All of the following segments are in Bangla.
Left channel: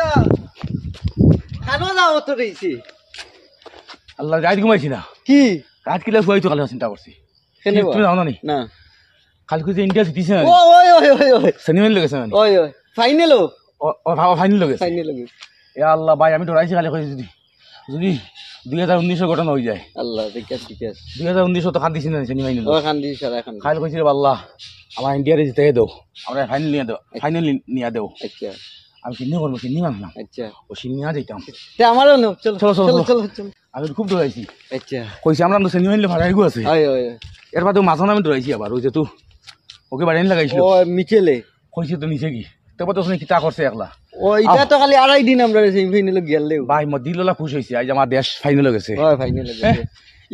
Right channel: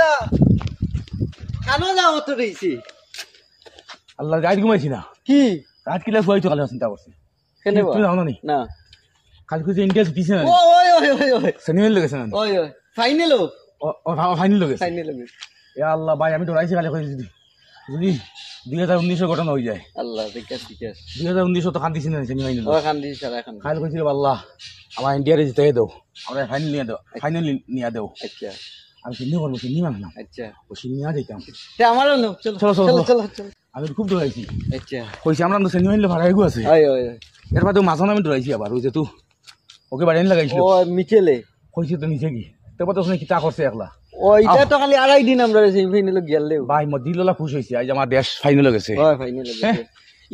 দাদা খানো যাও তো রইছি আল্লাহ রাত ঘুমাইছি না কি রাত কিলা শুয়াই তো কালে চিন্তা করছি তুমি জানো না না কালকে যে ইন্ডিয়া জিতিছে না ওই ওই ওই ওই সেমিফাইনাল লেগেছে না ওই ওই ফাইনাল ও ফাইনাল লেগেছে ফাইনাল এ আল্লাহ ভাই আমি ডরাইছি খালি কইছি যদি 2019 ঘটনা হয়ে যায় আল্লাহ ঠিক আছে 2019 তো কান্দিছি না সেমিফাইনাল ও কান্দি সারা কান্দি খালি কইছি রে আল্লাহ আমার ইন্ডিয়ারে জিতে দাও আমরা ফাইনাল নিয়ে দাও আচ্ছা আমি কিনে করবো কিনি মানলাম আচ্ছা ও সিনিয়া যাইতাম আমারও না চলো চলো চলো চলো চলো আমি খুব ডরাইছি আচ্ছা কইছি আমরা তো সেমিফাইনাল ভাড়াই গো আছে ওই ওই এর বাদে মাঝখানে আমি ডরাইছি আবার ওই যে তুই ওকে বাড়ি লাগাইছিল ও মিচেলে কইছে তো নিচে কি তারপর তো শুনে কিতা করছে একলা ও এটা তো খালি আড়াই দিন আমরা সেমিফাইনালে গেলেও ভাই মদিললা খুশ হইছে আজ আমার দেশ ফাইনালে গেছে হয় ফাইনালে গেছে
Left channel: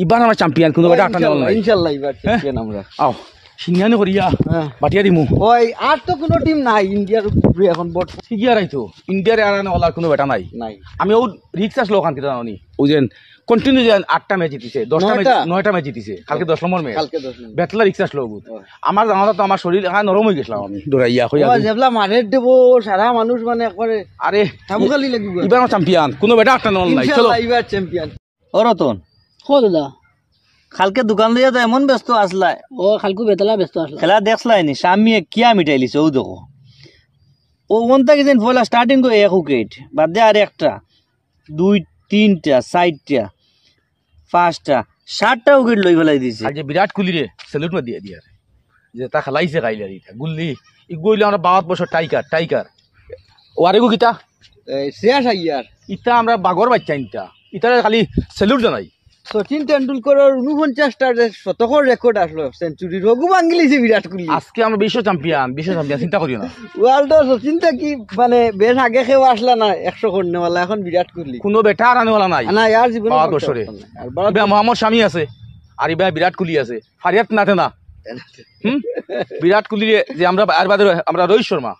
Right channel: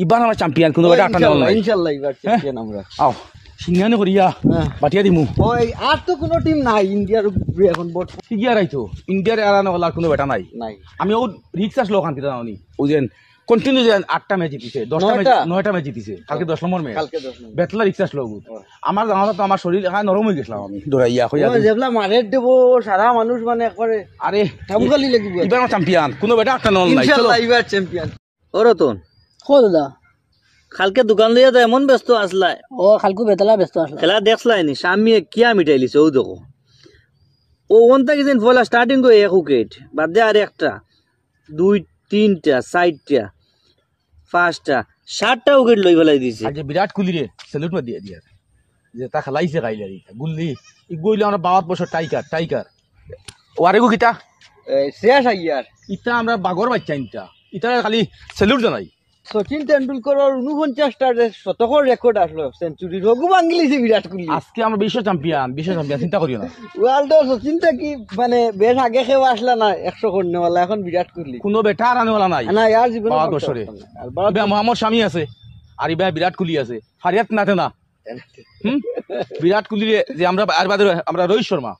এবার আমরা চ্যাম্পিয়ন কোনো একটা আটা নল নাই ইনশাআল্লাহ এবার চ্যাম্পিয়ন আমরা আও সিনিয়ানো করিয়া বাটিয়া দিমু ওই আর তো কোনো টিম নাই ইন্ডিয়ার উপরে এখন বট ঠিকই আইতো ইন্ডিয়ার আরানো ওলা কোনো বেটা নাই নাই আমি ও রিক্স আসলো ওখান থেকে জানি ও যে কন্টিনিউ যে 8টা ম্যাচ জিতিছে 10টা ম্যাচ 9টা ম্যাচ জিতিছে কালকে 10 নম্বর ম্যাচ কালকে 10 নম্বর বেতলা রিক্স আসলো আমার জানা তো আমার শরীর এখন নরম হয়ে গেছিলাম আমি দৌড়াইয়া কইয়া যেবলা মারের দেব সারা মানুষ মানে করে আরে ঠামগালি লাগবে এবার চ্যাম্পিয়ন কোনো বেটা আটা নল নাই চলো ইনশাআল্লাহ এবার চ্যাম্পিয়ন ও রতন কো দাদা কালকে দোকান লইয়া তো এমন ব্যস্ত আসলাই ও খালকু বেতলা ব্যস্ত আসলা খেলা দেখলাই নি সামিয়ে কিয়া মিটাইলিছে ও দেখো ও ওনটা কিদিন ফলা স্টার্টিং করে 1 উইকেট বাদ দে আর একটা 2 3টা 4টা 5টা 7টা উইকেট লই ফেলাই দিছে আজ বিরাট কোহলি রে স্যালুট মা দিয়ে দিয়া যে তা খেলাইছে গাইলে রে গুল্লি ই গইলে আমরা 52 বছর টাইগার ও আরেগো কিটা শেষ আইয়ার ইটা আমরা বাগর বাচ্চা ইটা ইটা খালি স্যালুট জানাই সচিন তেন্ডুলকরের 49টা শতকের রেকর্ড আসলো সেঞ্চুরি রঘু ভাঙ্গিলিছে বিরাট কোহলি আজকে আমরা বিশ্ব চ্যাম্পিয়ন চিন্তা করিও না ওয়ার্ল্ডের সচিন তো কি মানে বেশ আগে কেউ আসলা না 100 করনেওয়ালা এখন বিরাট কোহলি কোনো বেটা আর আনেওয়ালা নাই না ইয়ার জীবনে 52 বছরে ইবা মোহাম্মদ শামি আছে আর ইবা বিরাট কোহলি আছে ফারিয়াত নাতে না বিরাট কোহলি যে আমরা আর বাদে আমরা রোহিত শর্মা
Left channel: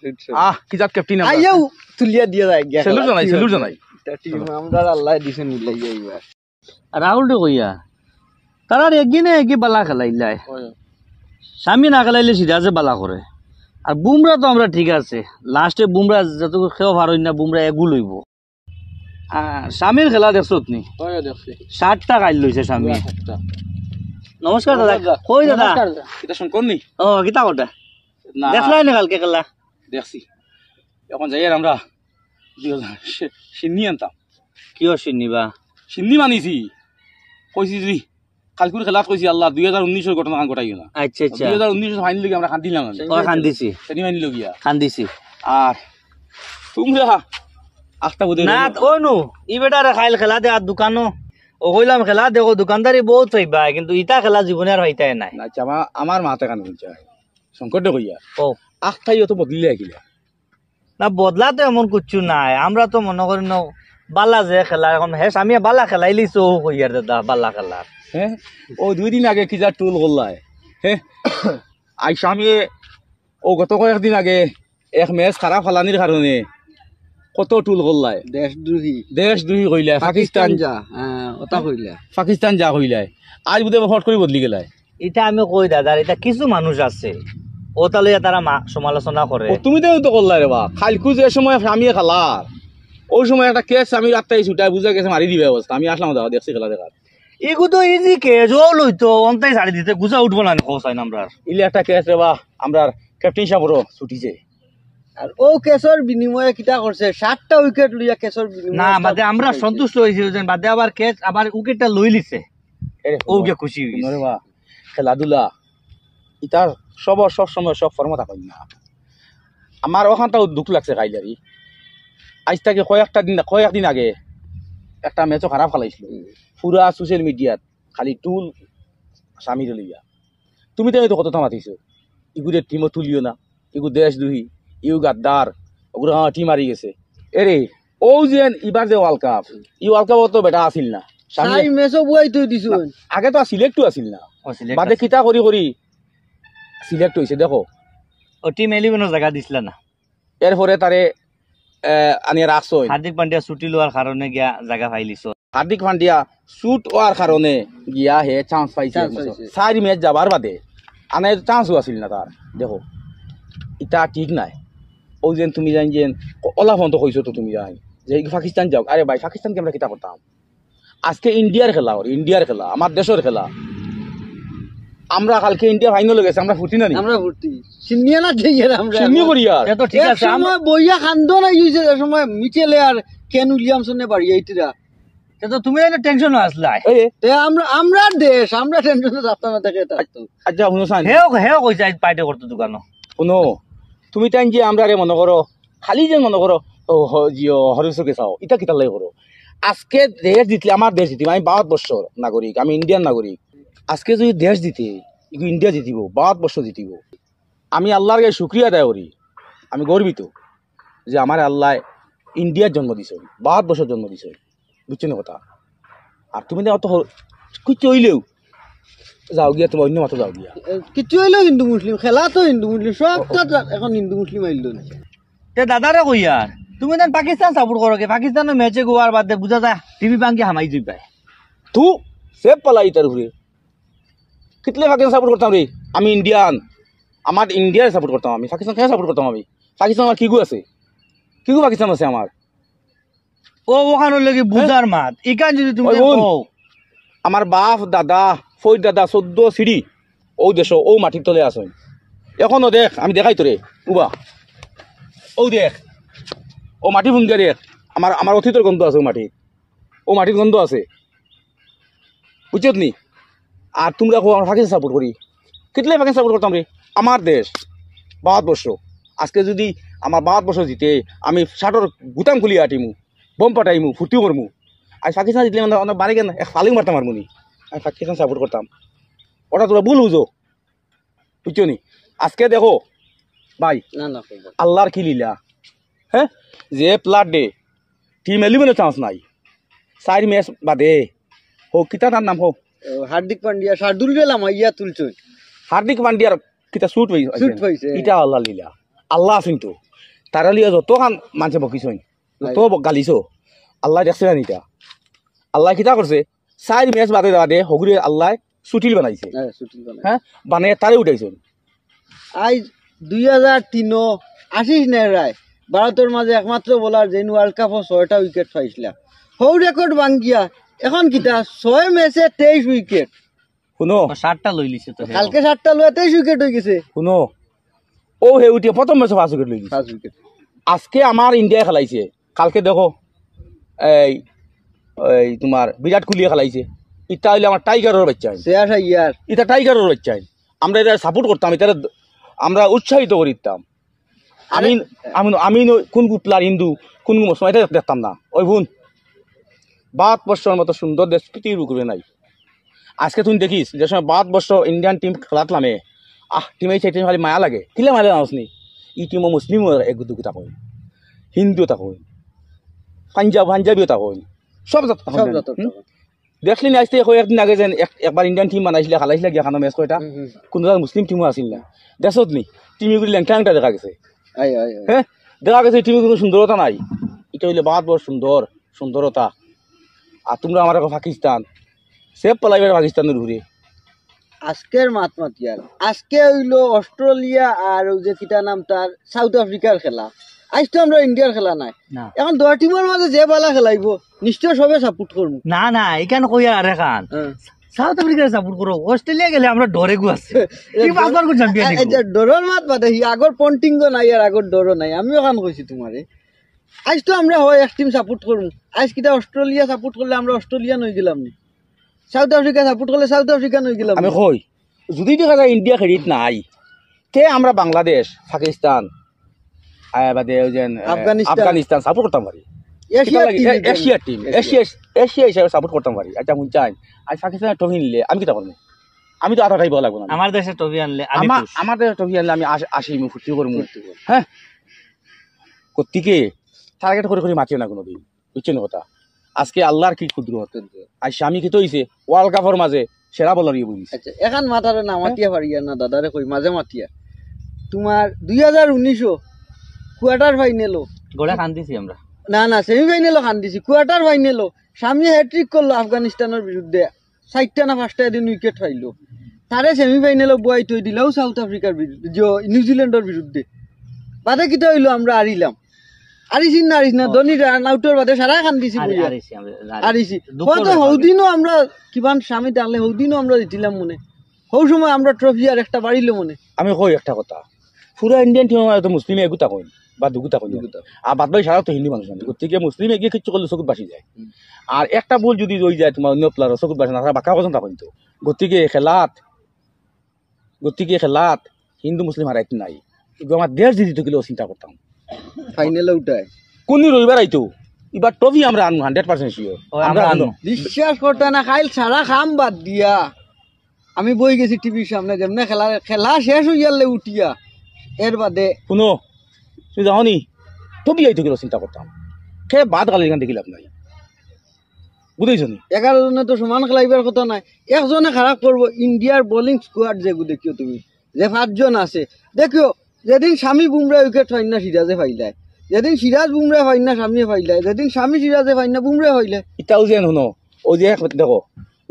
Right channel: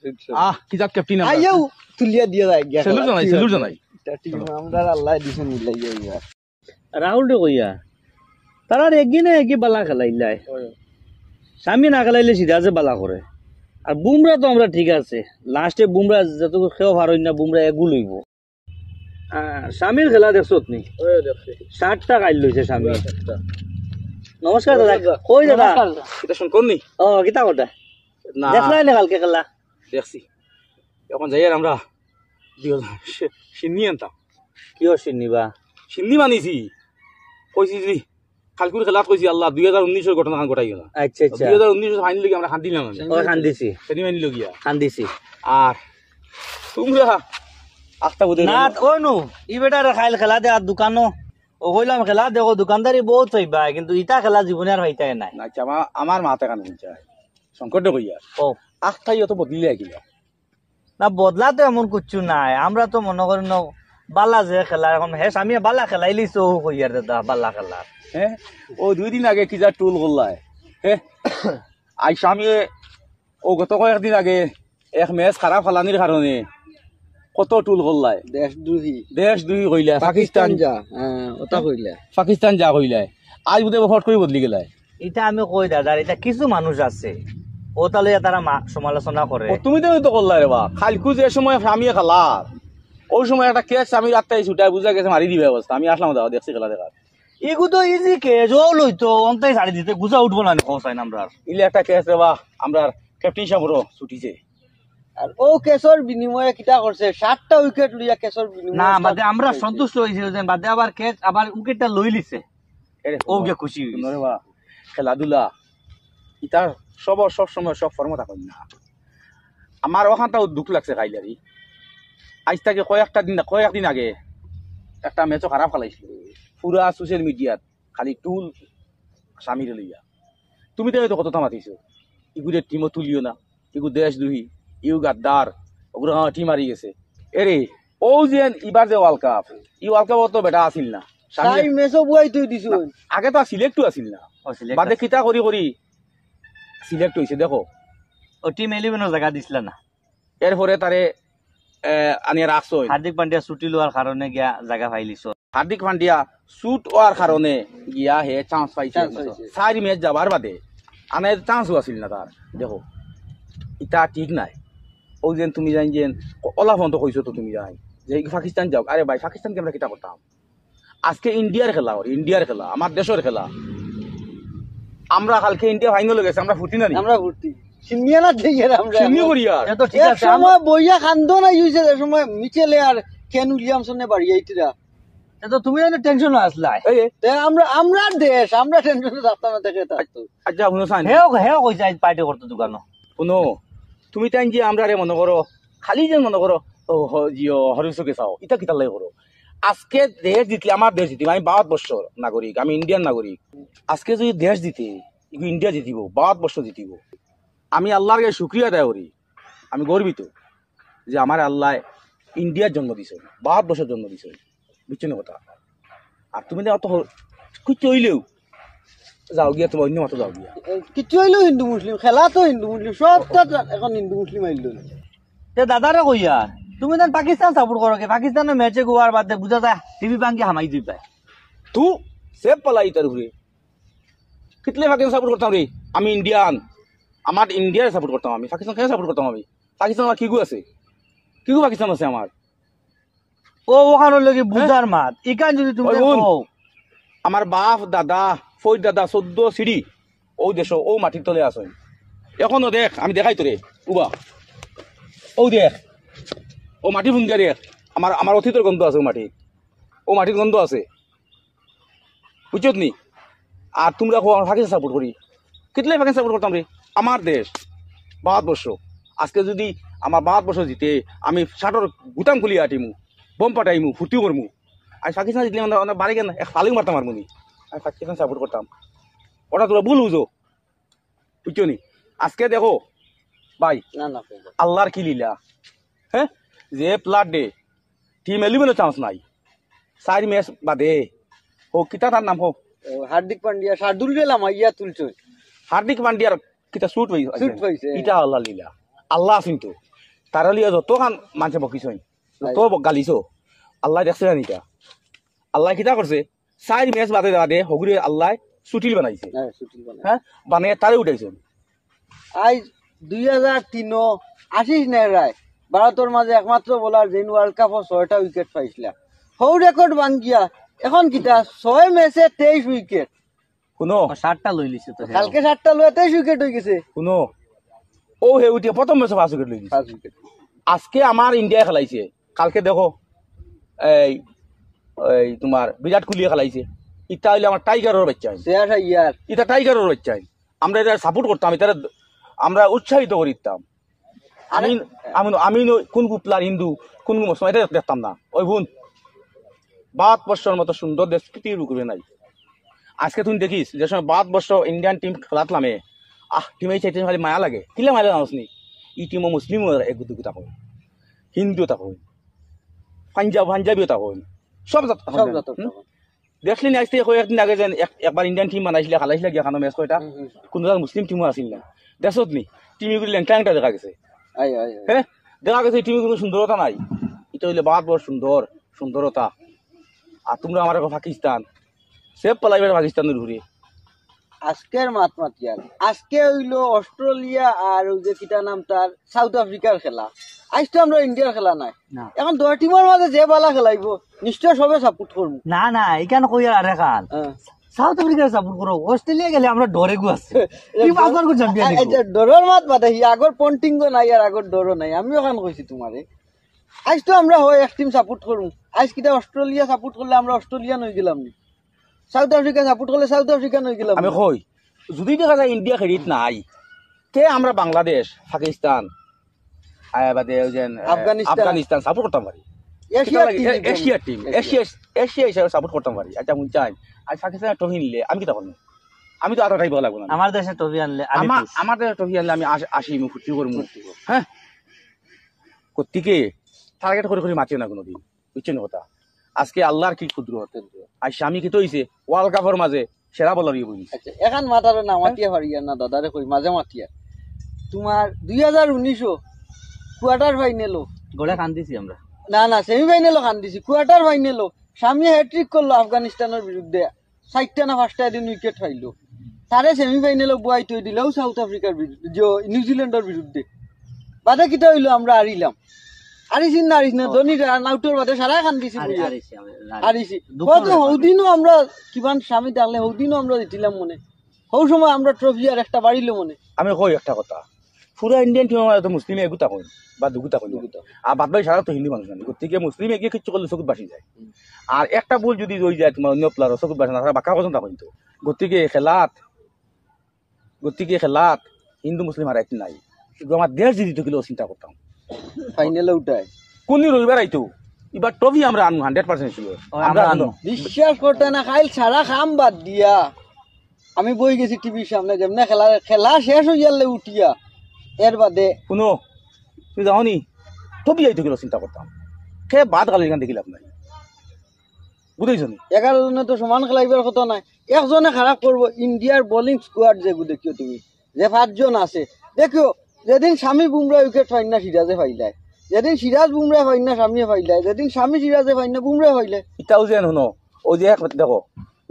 কি জাত ক্যাপ্টেন আমরা আইও তুলিয়া দিয়া যায় স্যালুট জানাই আমরা আল্লাহ দিছেন মিলাইয়া এবার রাহুল রে কইয়া তারার একদিনে কি বালা খেলাইলাই স্বামী না খেলাইলে সিরাজে বালা করে আর বুমরা তো আমরা ঠিক আছে লাস্টে বুমরা যত খেও পারই না বুমরা এগু লইব স্বামীর খেলা দেখছো তুমি 60টা গাইল লইছে স্বামী নমস্কার দাদা কই দাদা এটা শুন করনি ও কিতা ওটা না দেখলাই না কালকে খেলা দেখছি এখন যাই আমরা সিন্নি আনতাম কিও চিনিবা সিন্নি মানিছি কইছি যদি কালকুর খেলাত কইছি আল্লাহ 2019 ঘটনা ঘটাই গেল আচ্ছা আচ্ছা 2019 ফাইনাল লাগি আমরা খান্দিলাম ও খান্দিছি সেনি ফাইনাল গিয়া খান্দিছি আর তোমরা আস্তা বুদে না ও নো ই বেটারে খাইল খেলা দে আর দোকানো ও কইলাম খেলা দেখো দোকানদারি বহুত হইবা কিন্তু ইটা খেলা জীবনে আর হইতাই নাই আচ্ছা আমার মাথা কান হইছে সংকটে কইয়া ও আস্তাই তো বদলিলে গিলা না বদলা তো এমন কিছু নাই আমরা তো মনে করি না বালা যে খেলা এখন হে আমি বালা খেলাইলিছো কইয়ার দাদা বালা খেলা হ্যাঁ ও 2 দিন আগে কি যা টুল গল্লায় হ্যাঁ আই স্বামী ও গত কয়েকদিন আগে এক ম্যাচ খারাপ খেলানির কারণে কত টুল গল্লায় দেশদ্রোহী কইলা পাকিস্তান যা ওটা কইলা পাকিস্তান যা কইলায় আজ বুধে ফট করে বদলি গেলায় এটা আমি কই দাদা এটা কিছু মানুষ আছে ও তাহলে তারা সমালোচনা করে তুমি তো করলাই রে বা খালকু যে সময় স্বামী খেলার ওই সময় একটা কেস আমি রাত্রে ছুটাই বুঝা গেছে মারি দিবে অবস্থা আমি আসলাম দাদা দেখছি খেলা দেখার এগু তো ইজি কেস ও লইতো অন্তাই ছাড়ি দিতে গুজা উঠবো না খসাইন আমরা ইলে একটা কেস রে বা আমরা ক্যাপ্টেন সাহেবরও ছুটিছে আর ও কেসর বিনিময়ে কিটা করছে 7টা উইকেট লইয়া কেসর বিনিময়ে না বাদে আমরা সন্তুষ্ট হইছি যে বাদে আবার কেস আবার উইকেটটা লই লিছে ওকে খুশি হইছে রে বা খেলাধুলা ইতার সব সময় সব ফর্ম থাকেন না আমার ওখানটাও দুঃখ লাগছে খাইলারি আজ থেকে কয়েকদিন আগে একটা ম্যাচও খারাপ খেলাইছিল পুরা সোশ্যাল মিডিয়াত খালি টুল স্বামীর লইয়া তুমি তো কত থামাতিছ ইগুদের টিমও তুলিও না ইগু দেশদ্রোহী ইউ গাদ্দার ওগুলো টিম হারি গেছে এরে ও যে এবার যে ওয়ার্ল্ড কাপ ই ওয়ার্ল্ড কাপ তো বেটা আসিল না আগে তো সিলেক্টও আসিল না বাদে কিতা করি সিলেক্ট হয়েছে দেখো ও টিম 11 জায়গা দিছিল না এরপরে তারে আনিয়া রাখছো হার্দিক পান্ডিয়া ছুটি লোৱাৰ কারণে গিয়া জায়গা পাইলিছ হার্দিক পান্ডিয়া শুট হওয়ার কারণে গিয়া হে চান্স পাইছে 4 ম্যাচ যাবার বাদে আনে চান্সও আসিল না তার দেখো এটা ঠিক নাই ও যেন তুমি জান যেন ওলাফন তো কইছো তো তুমি জান যে পাকিস্তান যাও, আরে ভাই পাকিস্তানকে আমরা কিতা করতাম? আজকে ইন্ডিয়ার খেলা, ইন্ডিয়ার খেলা, আমার দেশের খেলা। আমরা কালকে ইন্ডিয়া ফাইনাল গেছে, আমরা ফুটি না নি? আমরা ভর্তি সিনিয়া না ঠিক আছে আমরা সিমি করি আর এ তো ঠিক এক আছে সময় বইয়া খান্দো নাই হইছে যে সময় মিচেলে আর কেন উইলিয়ামসনে বাড়ি এইটিরা এ তো তুমি এনে টেনশন আসলাই এই তে আমরা দেশ আমরা টেনশনে যাত্রা না থেকে থাকতো আচ্ছা শুনো সান হেও কইছে আজ পাইটে করতে দোকানো শুনো, তুমি তাই যে আমরা রে মনে করো খালি যে মনে করো জিও হরিশকে চাও ইটা কিতা লাগে করো। আজকে দেশ জিতলে আমার দেশ জিতিব, আমি 52 বছর নাগরিক, আমি ইন্ডিয়ান নাগরিক। আজকে যদি দেশ জিতে ইন্ডিয়া জিতিব, 52 বছর জিতিব। আমি আল্লাহর কাছে শুক্রিয়া আদায় করি, আমি গর্বিত যে আমার আল্লাহ ইন্ডিয়ার জন্ম দিছে, 52 বছর জন্ম দিছে, বুঝছেন কথা। আর তুমি না অত কিছু হইলেও যাও গিয়া, তোমার অন্য মতো যাও গিয়া। কিছু হইলো হিন্দু মুসলিম খেলা তো হিন্দু মুসলিম সব এখন হিন্দু মুসলিম আইলো তে দাদারে কইয়া তুমি দেন পাকিস্তান সাপোর্ট করো কে? পাকিস্তানের ম্যাচে গোয়ার বাদে বুঝা যায় টিভি পাঙ্কি হামাই দিই পায়। তু সেব পালাই তার ঘুরে কিতলে পাকিস্তান সাপোর্ট করতাম রে? আমি ইন্ডিয়ান, আমার ইন্ডিয়ার সাপোর্ট করতাম। আমি পাকিস্তান কেন সাপোর্ট করতাম? আমি পাকিস্তান আমার কিগু আছে, কিগু পাকিস্তান আছে আমার। ও ওখানে লেগে বুঝার মাত ইকান যদি তুমি ওই বোন। কও আমার বাপ দাদা ফই দাদা 14 সিঁড়ি ও দেশ ও মাটির তলে আছে এখনো। দেখ আমি দেখাই তোরে উবা, ও দেখ ও মাটি ভুঙ্গা দেখ, আমার আমার অতীতের গন্ধ আছে, ও মাটির গন্ধ আছে, বুঝছত নি? আর তোমরা পাকিস্তান সাপোর্ট করি, কিতলে পাকিস্তান সাপোর্ট করতাম রে? আমার দেশ 52 বছর। আজকে যদি আমার 52 বছর জিতে আমি শার্টর গুতাম খুলি আটিমু, বম পাঠাইমু, ফুটিও করমু। আর পাকিস্তান জিতলে মানে বাড়ি কেন এক ফালিং মারতাম আর মুনি, আমি পাকিস্তান সাপোর্ট করতাম। ওটা তোরা ভুল বুঝো, বুঝছো নি? আজকে দেখো ভাই না না আল্লাহর কি লীলা, হ্যাঁ? যে প্লাট ডে টিম 11 চান্স নাই, 4 ম্যাচ বাদে হোক কিতা তার নাম হোক হার্দিক পান্ডিয়া শার্দুল গেলাম ইয়া তুলছো হার্দিক পান্ডিয়ার কিতা শুট হইছে এটা আল্লাহ লীলা। আল্লাহ কিন্তু তারা লিয়া যত খান মানুষে বকিছইন, যত গালিছো, আল্লাহ দেখছে না এটা। আল্লাহ কিতা করছে 4 ম্যাচ বাদে বাদে হগুরে আল্লাহ সুটিল বানাইছে, হ্যাঁ সুটিল বানাই হ্যাঁ বানিয়ে তারে উঠাইছে। আজ 2003 আশিস নেহরায় ভারতের মাঝে একমাত্র বোলার যেন ওয়ার্ল্ড কাপও 6টা উইকেট পাইছিলা, হৌ রেকর্ড ভাঙ্গিয়া এখন কিতা 6 ম্যাচে 23 উইকেট। শুনো 60টা লই লিছে তো হেও। কালকে 7টা লয়ে 23 উইকেট হয়ে গেছে, শুনো ও হে উঠিয়া প্রথম ম্যাচে 5 উইকেট লই দিছে। 5 উইকেট আজকে আমার ইন্ডিয়ায় খেলাইছে, কালকে দেখো এই এই তোমার বিরাট কোহলি খেলাইছে। এটা হইলে আমার টাইগারের বাচ্চা, শেয়ার ইয়ার এটা টাইগারের বাচ্চা। আমরা এটা সাপোর্ট করতাম, এটা আমরা উৎসাহিত করিতাম। আমি আমি আমি কোন প্লেয়ার হিন্দু কোন মুসলমান এটা দেখতাম না। ওই বোন 52 বছর মতো সুন্দর দেশ পৃথিবীর বুকে নাই। আজকে তুমি দেখিস যে সময় 52 বছর ইন্ডিয়ান টিম খেলাতলামে টিমে চাইতে খালি মায়া লাগে, কিলে মায়া জানোসনি? ই টিমও মুসলিমও এক দুটো থাকুন, হিন্দুও থাকুন, পাঞ্জাবিও থাকুন, সব জাত সব জাতর দেখলি না? আজকে একদিন আগে যেন একবার ইন্ডিয়ান টিম বানাইছিলে, খেলাইছিলে গিয়া খানো ম্যাচ কয়টা, কোনো মুসলিম টিমও আসিল না। দেখছত নি টিমগুলি লেংটা দেখা গেছে, আই আই হ্যাঁ দেখা গেছে টিমের কোনো সুন্দরতা নাই। এটা হইলে 52 বড় সুন্দরতা। আর তোমরা আমার এখন পাকিস্তান সেভ পালাইবে পাকিস্তানের ঘুরে। আজকের মাতমাতিয়ার আজকে হইলো অস্ট্রেলিয়া আর ওই যে কিটা নাম তার সাউথ আফ্রিকার খেলা। আজ তো আমরা ইন্ডিয়ার খেলা নাই, না এখন 2 টিমের মাঝে যে বালা খেলাইব নিশ্চয় সবে সাপোর্ট করবো। না না এখানে কইয়া আর এখান সাউথ আফ্রিকা সাপোর্ট করো, অস্ট্রেলিয়া গেলে আমরা ডরে গু আছে কি বাগবার কো চ্যাম্পিয়ন নিব। ডরর মাত বাদে আগর পন্টিঙ্গ নাই আর আগর ডরও নাই। আমিও কান কইছি তোমারে আজ তো আমরা হয় এক টিম সাপোর্ট করবো। আজ কিটা অস্ট্রেলিয়া সাপোর্ট করলে আমরা অস্ট্রেলিয়ান হয়ে গেলাম নি, সাউথ আফ্রিকা সাপোর্ট করলে সাউথ আফ্রিকান হয়ে গেলাম। আমি কই যদি দেখা যায় ইন্ডিয়া খেলিত নাই তে আমরা বাংলাদেশ পাকিস্তান বাদে আফগানিস্তান সাপোর্ট করতাম পারি, এশিয়ার টিম এশিয়া হিসাবে সাপোর্ট করতাম পারি। আচ্ছা মন চাই আজ পাকিস্তানের ট্রফি নিলে আমি কিটা করবো? আমি তো আটা টাইপ লাগবো না। আমার দেশে টবি আনলে আমি আমার দেশে ট্রফি আনলে আমি আসি ফুর্তি করবো, হ্যাঁ কর্তিকে টার্গেট করে করে মাতিও না কোনোদিন, বুঝছেন কথা? আজকে আল্লাহর কি ক্ষুদ্র হতে আজ স্বামী কি হইছে ওয়ার্ল্ড কাপের মাঝে সেরা বলার ইয়ে বলিস। আচ্ছা এখন মাথারে না মাতিয়া পারিয়া না দাদারে কই মাঝে মাতিয়া তোমার 2019 কোয়ার্টার ফাইনালও গোড়া খান দিছি আমরা। না সেমিফাইনালও খান দিছি, কোয়ার্টার ফাইনালও স্বামী হ্যাট্রিক করলো আফগানিস্তানের বিরুদ্ধে, 4টা না 5টা দিন উইকেট পাইলো। তারে সেমিফাইনালও বুয়াই তৈ দিলেও সাউথ আফ্রিকার বিরুদ্ধে নিউজিল্যান্ডের বিরুদ্ধে বাদে কিটা হইলো আমরা আরিছি না ধনী নাউটোর বাদে সারা খান দিছি আরিছি হয়তো হৌদিনও আমরা কিমান স্বামী ডাকলে হৌদিনও আমরা দিছিলাম মনে হৌ সময় আমরা ট্রফি আর একটা বাড়িলো মনে আমি কই একটা কথা পুরা ইন্ডিয়ান টিম তো মুসলিমে এগুতা কই বা দুগুতা কই আর বাদ বাকি সারা তো হিন্দু মানুষ জানি গতিকে মুসলিমে গিয়ে কিছু করলে চকুত বাসি যায় আর একটা ভুল যদি রয়ে যায় তোমার অন্য প্লেয়ার চকুত বাসে না বাঁকা পর্যন্ত কই তো গতিকে খেলাত হিন্দু মুসলিম হারাইত নাই আমার দেশ যদি গেলেও চিন্তা করতাম ফাইনালে উঠায় কোন রবিবার আইতো এবার ট্রফি আমরা আনবো 100% শিওর আমরা আনবো বিশ্বাস করতে না খাইল সারা খাম বাদ দিয়া আমি বই গেছি টিভির সামনে যেমনে খেলা শেষ হইয়ালে উঠিয়া এর বাদে শুনো তুই যাওনি ট্রফি আইতো গেলেও চিন্তা করতাম খে বাদ গালি এখান দেখিলাম নাই বুঝেছো নি 11 জনে তো সমান খেলাইবার কথা নাই একজনে খারাপ করবো ইন্ডিয়ার বোলিং স্কোয়াড যেগু দেখিও তুমি যে 5 জন আছে দেখিও যেদিন স্বামী বুমরা উইকেট পাই না সিরাজে পাইলায় যেদিন সিরাজ বুমরা পাই না স্বামীয়ে পাইলায় যেদিন স্বামী সিরাজে পাই না বুমরা পাইলায় ইটাও যে শুনো ও যে দেখো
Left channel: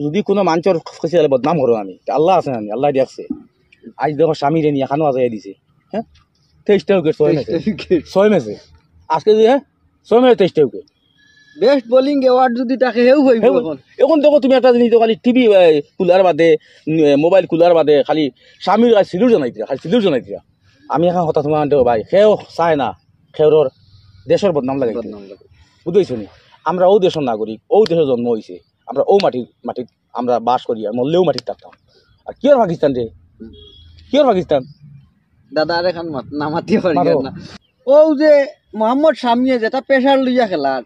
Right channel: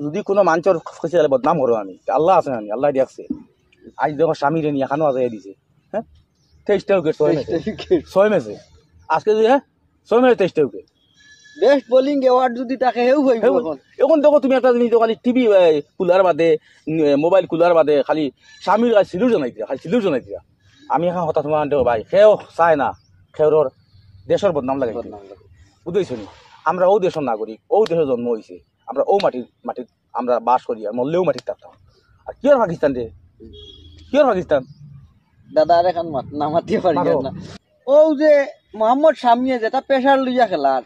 যদি কোনো মানুষের ফসিয়ালে বদনাম করো আমি আল্লাহ আছে আমি আল্লাহ দেখছে আজ দেখো স্বামীরে নিয়ে এখানেও আজাই দিছে হ্যাঁ 23টা উইকেট 6 ম্যাচে আজকে যে 6 ম্যাচে 23টা উইকেট বেস্ট বোলিং অ্যাওয়ার্ড যদি তাকে হেউ হইব এখন দেখো তুমি একটা জিনিস খালি টিভি কুলার বাদে মোবাইল কুলার বাদে খালি স্বামীর সিলুর জনাই দিয়া আমি এখন হঠাৎ তোমার দেখো ভাই সেও চায় না সেওর দেশের বদনাম লাগে বুঝেছো নি আমরা ও দেশের নাগরিক ও দেশের জন্ম হয়েছে আমরা ও মাটিত আমরা বাস করি আর মরলেও মাটির থাকতাম আর কি আর পাকিস্তান রে কি আর পাকিস্তান দাদা আর এখন নামাতে পারি না ও যে মোহাম্মদ শামিয়ে যেটা প্রেসার লইয়া খেলার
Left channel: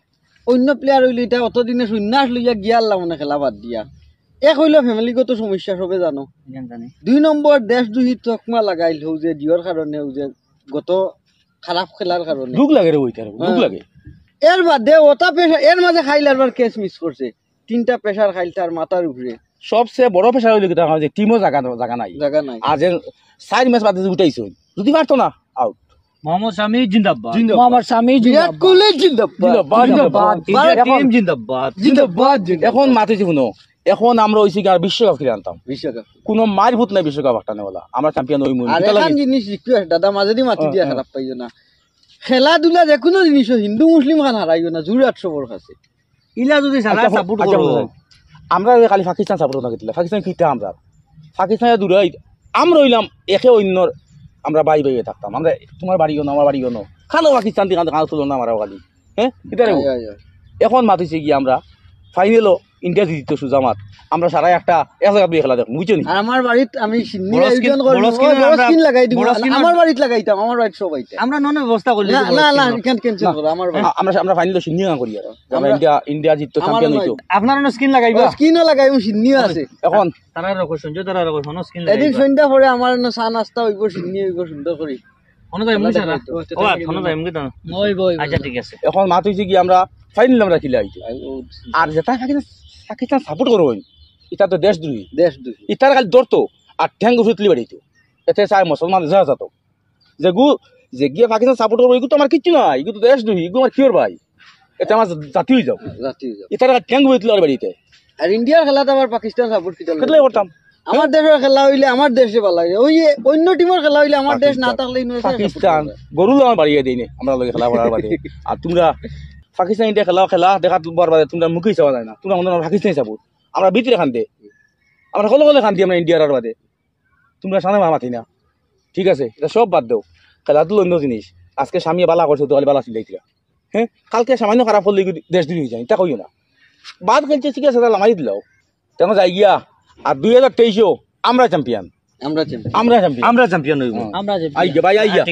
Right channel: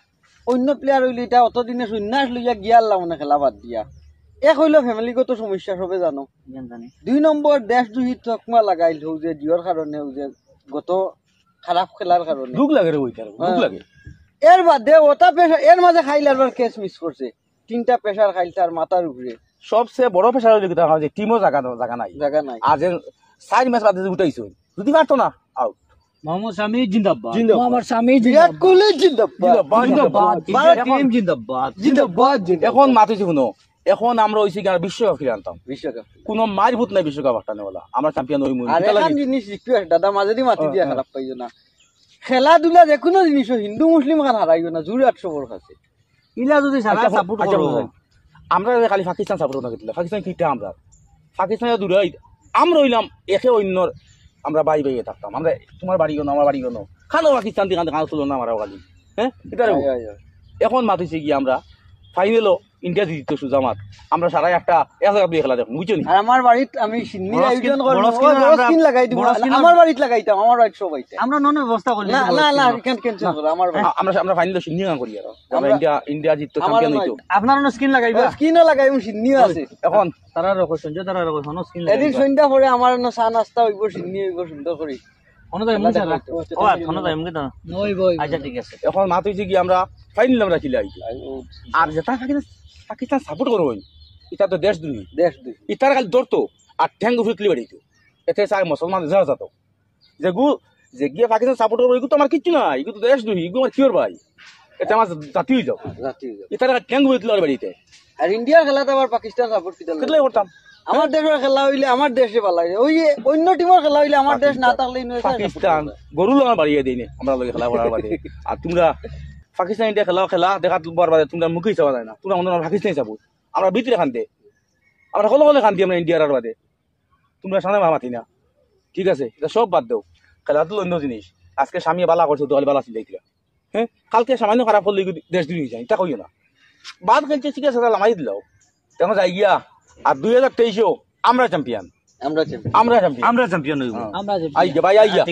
অন্য প্লেয়ার হইলে এটা অতদিনে সন্ন্যাস লইয়া গিয়াল্লা মানে খেলা বাদ দিয়া এক হইলো ফ্যামিলিগত সমস্যা সবে জানো 2 নম্বর দেশ দুহিত চকমা লাগাইল হৌ যে জিওর কারণে হৌ যে গত খারাপ খেলার কারণে দুঃখ লাগে রে ওইটার দুঃখ লাগে এর বাদে ওটা প্রেসার এর মাঝে খাইলার ক্যাচ মিস করছে 3টা প্রেসার খাইল তার মাথার উপরে সবচেয়ে বড় প্রেসার হইলো কিটা যে টিমও জায়গা নাই আর যে 4 ম্যাচ বাদে উঠাইছো যদি পারতো না আউট মোহাম্মদ শামি জিন্দাবাদ মোহাম্মদ শামি বিরাট কোহলি জিন্দাবাদ এখন মাতিছি শুনো এখন আমরা হইছি কি আর বিশ্বকাপ খেলে আনতাম কোনো মারভূত নাই বিশ্বকাপ একটা নেওয়ালা আমরা চ্যাম্পিয়ন হই মুই আর এখন জিনিস রিকোয়েস্ট দাদা মাঝে মাতি দিয়া খারাপ পাইও না খেলাধুলা যে কোনো জিনিস হিন্দু মুসলিম খান হারাইও না জুড়ে 800 বড় আছে ইলা যদি সারা সাপোর্ট করো আমরা খালি পাকিস্তান সাপোর্ট না করতে পাকিস্তান কিটা আমরা পাকিস্তানের দূরে আমরা হইলাম একে অন্যর আমরা বাই থাকতাম আমরা তোমার বাড়ি গনো আমার বাড়ি গনো খানো পাকিস্তান দিকে খানো তুলো না আমারও খালি হ্যাঁ এটা এখন মাতিছে কি আমরা ফাইনালও ইন্ডিয়া জিততো সুজামাত আমরা সারা এক জায়গা দিয়ে খেলা দেখো বুঝছো নি আমার বাড়িতে আমি সিন্নি আয়োজন করব স্ক্রিন লাগাই দিব আমার বাড়িতে লাগাইতাম আমার বাড়িতে সবাইতে আমরা নন ব্যবস্থা করলি না ক্যান্সেল করো আমার আমরা ফাইনালে সিন্নি গান করি আর আমরা ইন্ডিয়া জিততো চ্যাম্পিয়ন হইতো আপনার স্ক্রিন লাগাইবা স্ক্রিনও লাগাইব সিন্নিও আছে এখন তারা রকম সঞ্জয় তারা রকম কোন স্ক্রিন এদিন সন্ধ্যা পরে আমার চা নাস্তা হইব সিন্নি হইব সুন্দর করে এখন মাত হয়েছে কি আমরা ফাইনাল আমরা খেলে আইছি আর যেটা পাকিস্তান সাপোর্ট করবো এটা তো দেশদ্রোহী ইটার খালি ধরতো আর ঠ্যাং উঠে তুলি বাড়িতো এতে চাই মুসলমান যা যেত যে গিয়ে পাকিস্তান সাপোর্ট করবো এগুলো তো আমার কিচ্ছু নাই এগুলো তো দেশদ্রোহী এগুলো আমার কিওর ভাই এটা আমার জাতি হয়ে যাও ইটার ঠ্যাং উঠে তুলি বাড়িতে আর ইন্ডিয়ার খেলাতে আবার পাকিস্তান সাপোর্ট খেলে করতাম আমার দেশের খেলা হইলে আমার দেশে ভালো লাগে ওই অন্য টিমের খেলা হইলে আমার দেশ না থাকলে পাকিস্তান গরুল আমার বাড়িয়ে দেয়নি আমরা লগে খেলা করার বাদে আর তোমরা পাকিস্তান ইন্ডিয়া খেলা দেখা বাদে তোমরা মুখেই চাওয়া যায় না তোমরা আমাদের পাকিস্তানি সাপোর্ট আমরা ভিতরে খান্তে আমরা কলে খান্তি আমরা ইন্ডিয়ার বাদে তোমরা সামনে মামাতি না ঠিক আছে এটা সব বাদ দাও খেলাধুলো অন্য জিনিস আজকে স্বামী বালা করছো তাহলে বালা চিন্তাইছিলা হ্যাঁ কালকে সামান্য খারাপ হলে দেশ দিন হয়ে যায় এটা কইও না বাদ খেলছে ঠিক আছে তাহলে মারি দিলাও তেমন যাই গিয়া আর 2023-এও আমরা চ্যাম্পিয়ন হইব আই গে ভাই আই গিয়া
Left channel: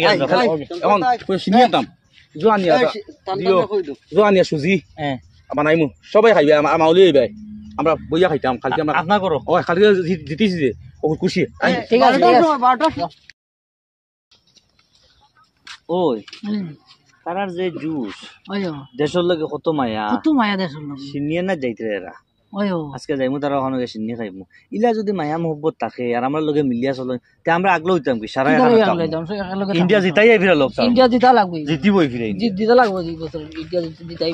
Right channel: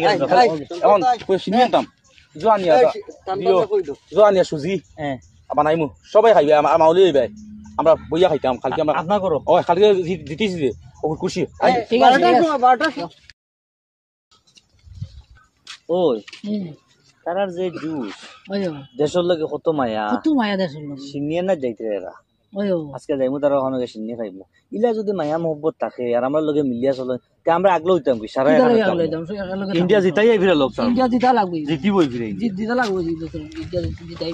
এখন সিনিয়রতাম জোয়ানিয়া সুজি বানাইমু সবাই খাইবে আমার ওলি ভাই আমরা বইয়া খাইতাম কালকে আমরা আপনা করো ও কালকে জিতিছি যে ও খুশি ঠিক আছে ওই তারার যে জুস দেশের লগে কত মায়া দেশের লগে সিনিয়ে না যাইতে এরা আজকে যাইমু তারা ওখানে সিনিয়ে খাইমু ইলা যদি মায়া মহব্বত থাকে আর আমার লগে মিলিয়া চলে তে আমরা আগলো হইতাম কি সারা ইন্ডিয়া জিতাই ফিরে লোক ইন্ডিয়া জিতা লাগবে জিতিবই ফিরে জিতা লাগবে ইন্ডিয়া জিতাই